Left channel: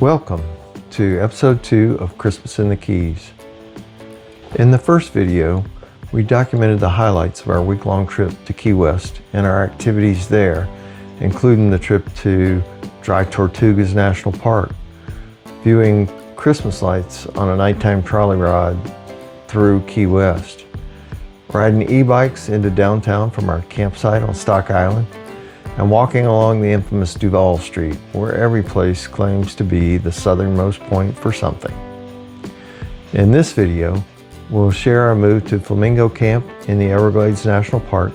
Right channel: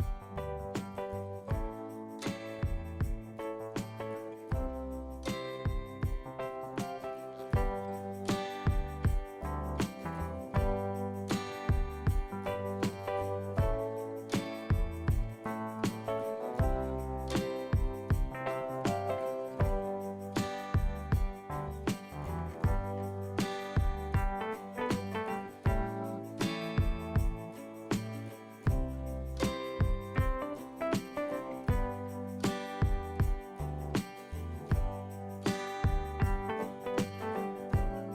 Welcome to episode 2 of Christmas in the Keys. In the first video, we documented the highlights of our week-long trip to Key West and our activities there, including the trip to Dry Tortugas National Park, viewing Christmas lights on a nighttime trolley ride through Key West, riding e-bikes into downtown from our campsite on Stock Island, and walking along the infamous Duval Street, where every place claims to be the southernmost point for something. In this video, we'll share our move to Flamingo Camp in the Everglades National Park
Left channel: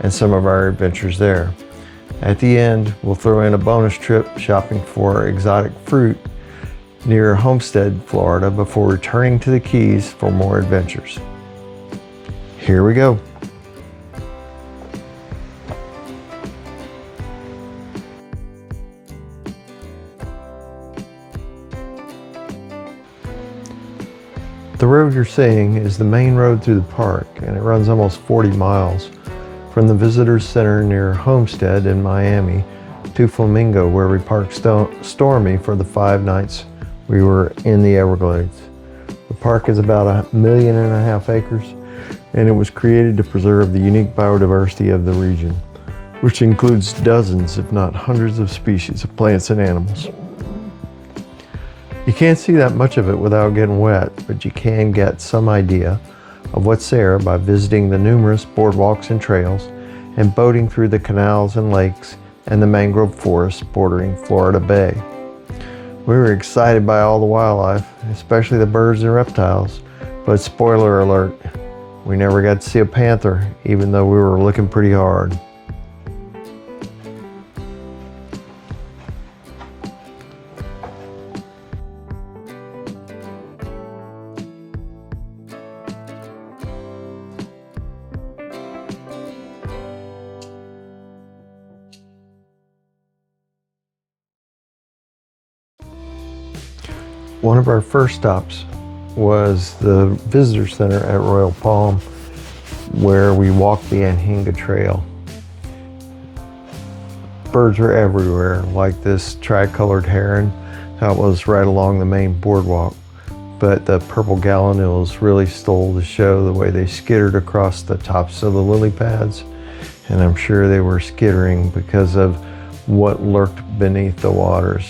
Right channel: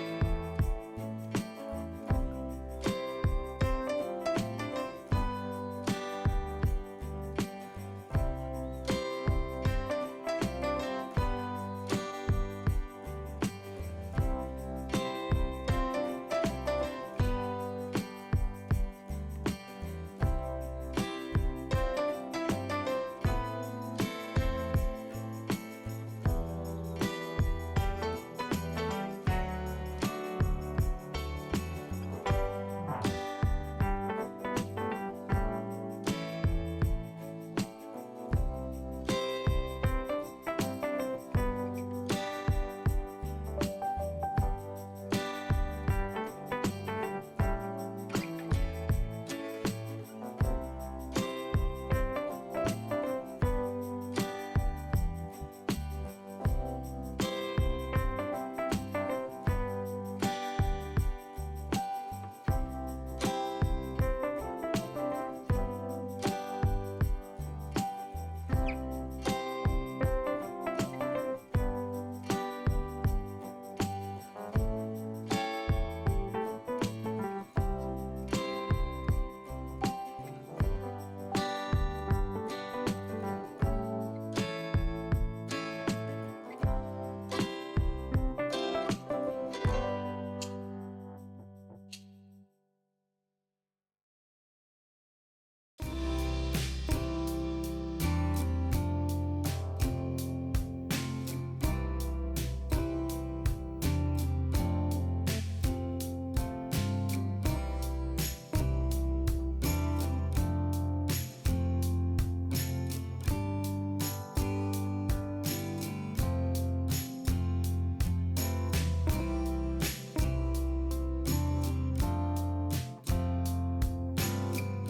and some of our adventures there. At the end, we'll throw in a bonus trip shopping for exotic fruit near Homestead, Florida, before returning to the Keys for more adventures. Here we go. The road you're seeing is the main road through the park, and it runs almost 40 miles from the Visitors Center near Homestead in Miami to Flamingo, where we parked Stormy for the 5 nights we were in the Everglades. The park is about 1.5 million acres, and it was created to preserve the unique biodiversity of the region, which includes dozens, if not hundreds, of species of plants and animals. You can't see that much of it without getting wet, but you can get some idea of what's there by visiting the numerous boardwalks and trails and boating through the canals and lakes and the mangrove forests bordering Florida Bay. We were excited by all the wildlife, especially the birds and reptiles, but spoiler alert, we never got to see a panther, even though we were looking pretty hard. One of our first stops was the Visitor Center at Royal Palm, where we walked the Anhinga Trail. Birds were everywhere, like this tricolored heron that was right along the main boardwalk. But the purple gallinules really stole the show the way they skittered across the tops of the lily pads. And I'm sure they were skittering because of what lurked beneath the waters.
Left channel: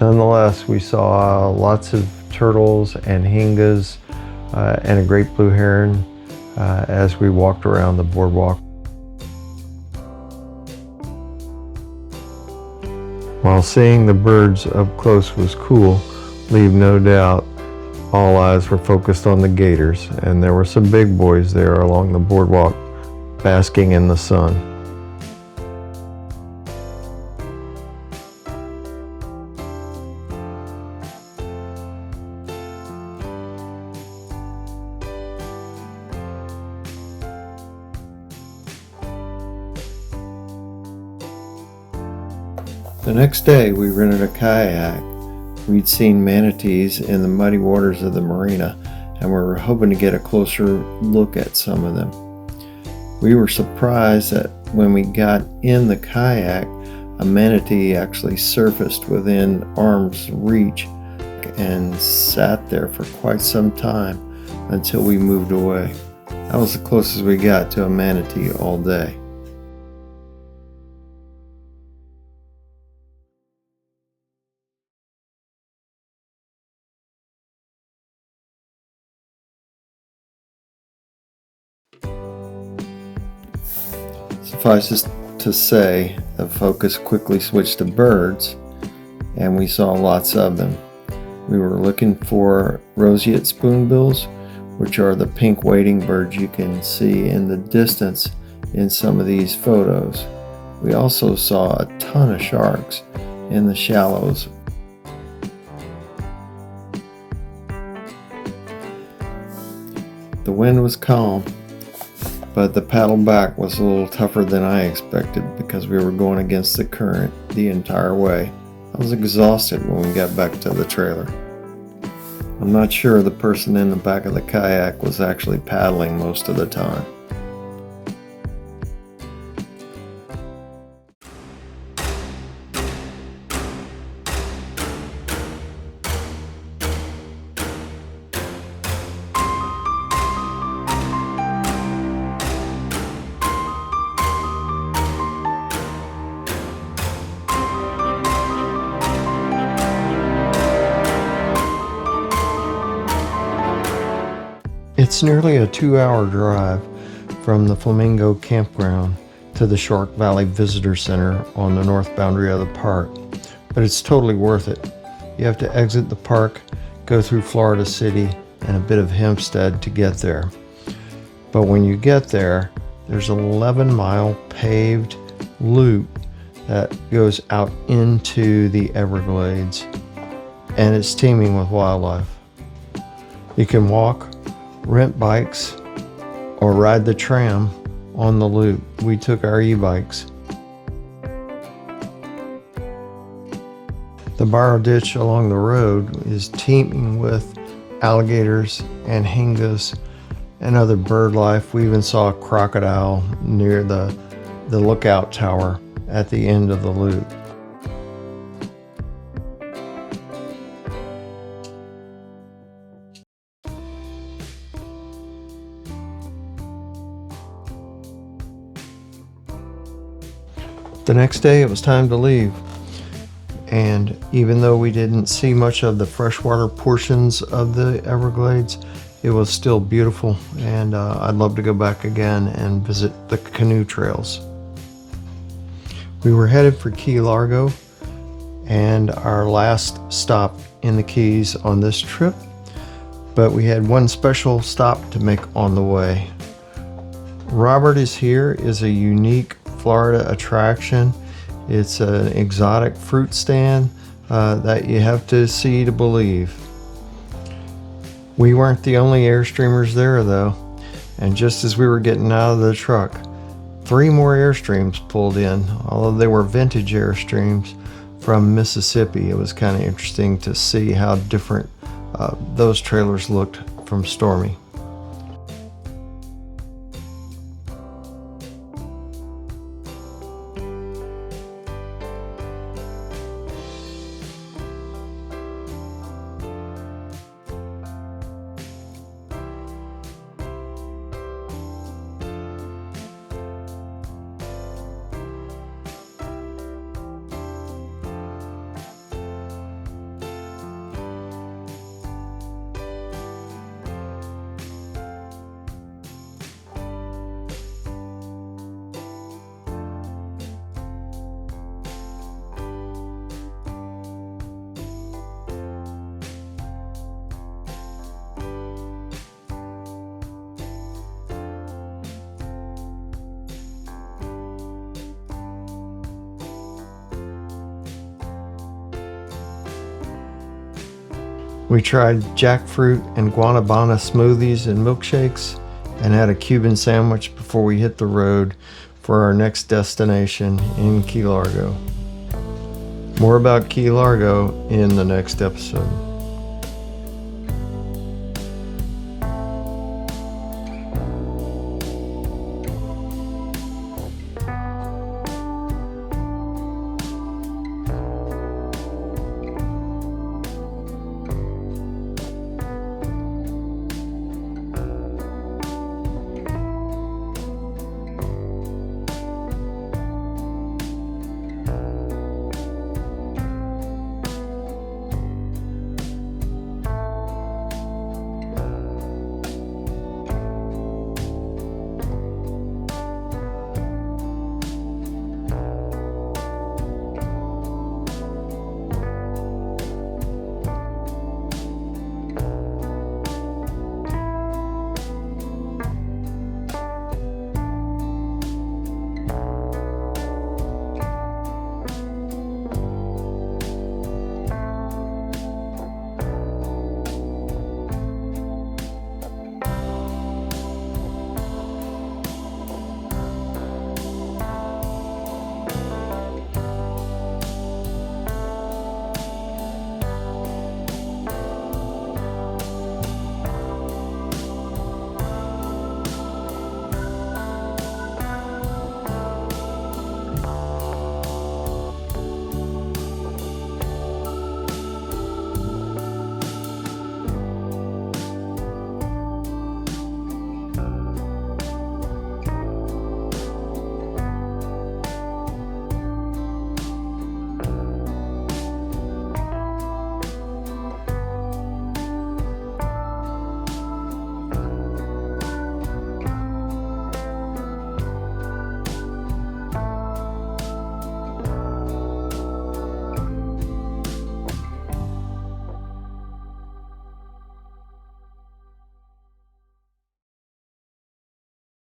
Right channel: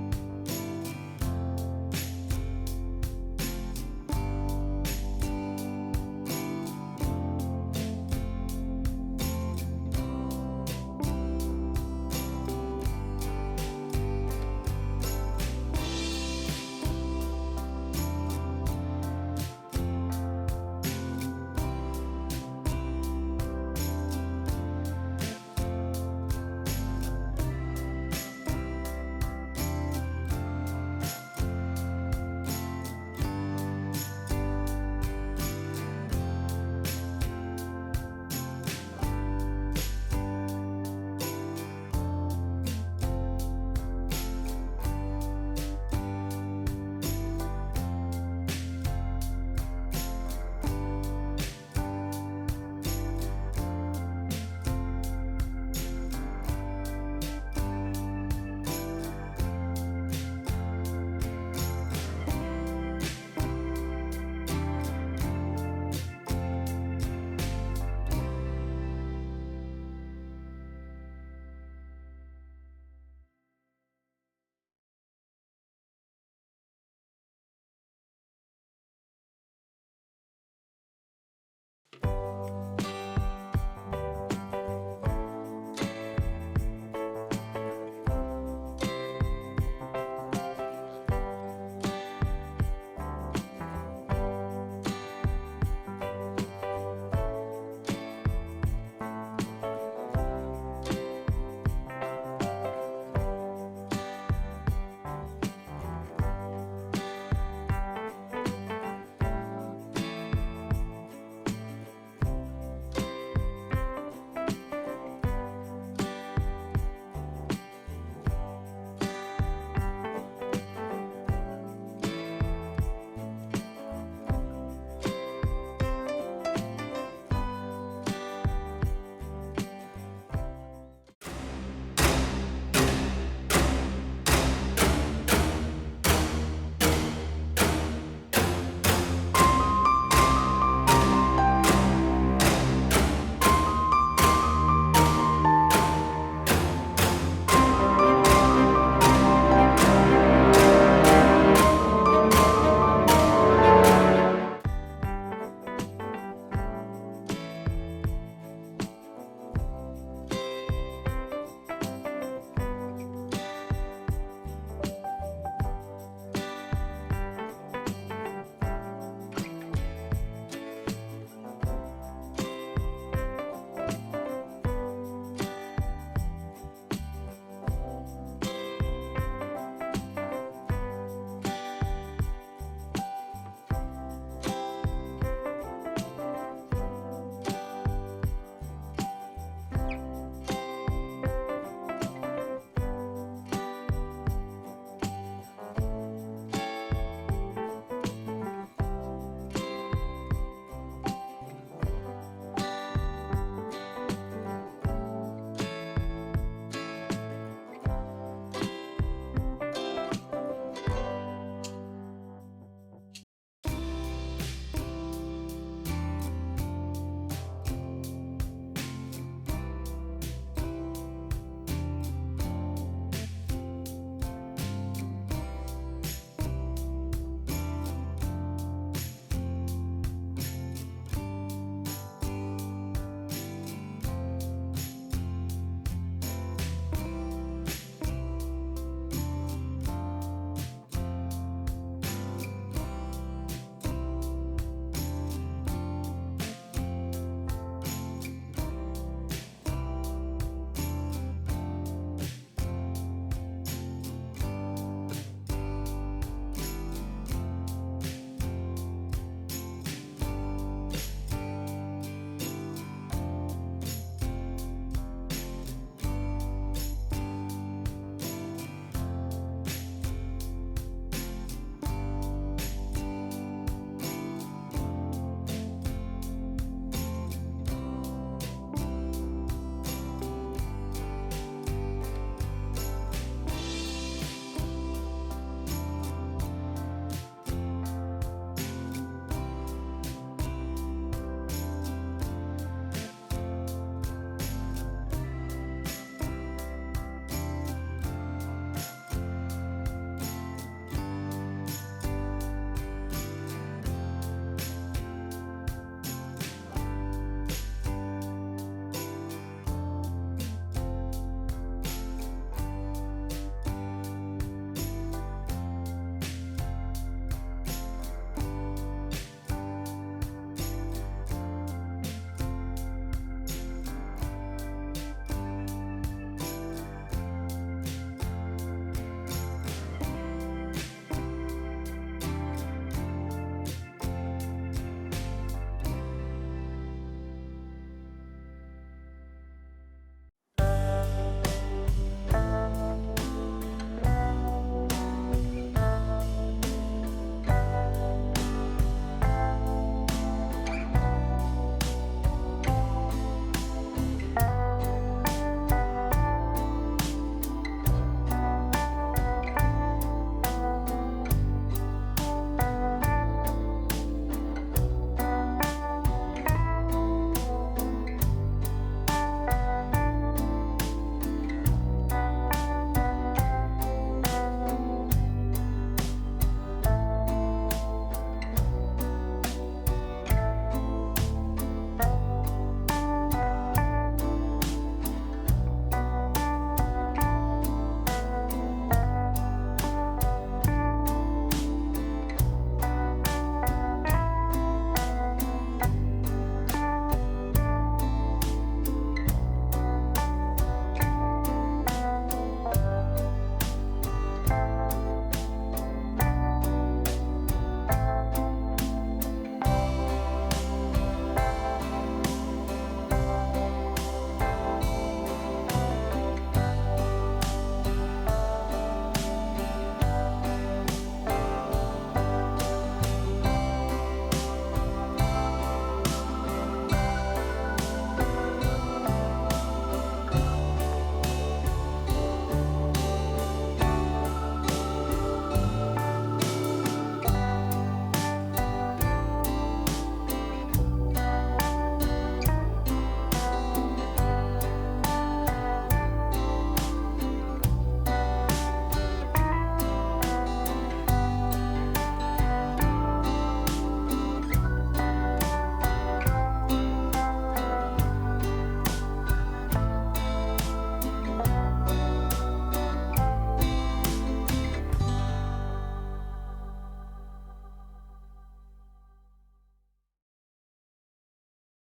Nonetheless, we saw lots of turtles and hingas and a great blue heron as we walked around the boardwalk. While seeing the birds up close was cool, leave no doubt all eyes were focused on the gators, and there were some big boys there along the boardwalk basking in the sun. The next day, we rented a kayak. We'd seen manatees in the muddy waters of the marina, and we were hoping to get a closer look at some of them. We were surprised that when we got in the kayak, a manatee actually surfaced within arm's reach and sat there for quite some time until we moved away. That was the closest we got to a manatee all day. Suffice it to say, the focus quickly switched to birds, and we saw lots of them. We were looking for roseate spoonbills, which are the pink wading birds you can see in the distance in some of these photos. We also saw a ton of sharks in the shallows. The wind was calm, but the paddle back was a little tougher than I expected because we were going against the current the entire way. I was exhausted when we got back to the trailer. I'm not sure the person in the back of the kayak was actually paddling most of the time. It's nearly a 2-hour drive from the Flamingo campground to the Shark Valley Visitor Center on the north boundary of the park, but it's totally worth it. You have to exit the park, go through Florida City and a bit of Hempstead to get there. But when you get there, there's an 11-mile paved loop that goes out into the Everglades, and it's teeming with wildlife. You can walk, rent bikes, or ride the tram on the loop. We took our e-bikes. The borrow ditch along the road is teeming with alligators and hingas and other bird life. We even saw a crocodile near the lookout tower at the end of the loop. The next day it was time to leave, and even though we didn't see much of the freshwater portions of the Everglades, it was still beautiful, and I'd love to go back again and visit the canoe trails. We were headed for Key Largo and our last stop in the Keys on this trip, but we had one special stop to make on the way. Robert is Here is a unique Florida attraction. It's an exotic fruit stand that you have to see to believe. We weren't the only Airstreamers there though, and just as we were getting out of the truck, 3 more Airstreams pulled in, although they were vintage Airstreams from Mississippi. It was kind of interesting to see how different those trailers looked from Stormy. We tried jackfruit and guanabana smoothies and milkshakes and had a Cuban sandwich before we hit the road for our next destination in Key Largo. More about Key Largo in the next episode.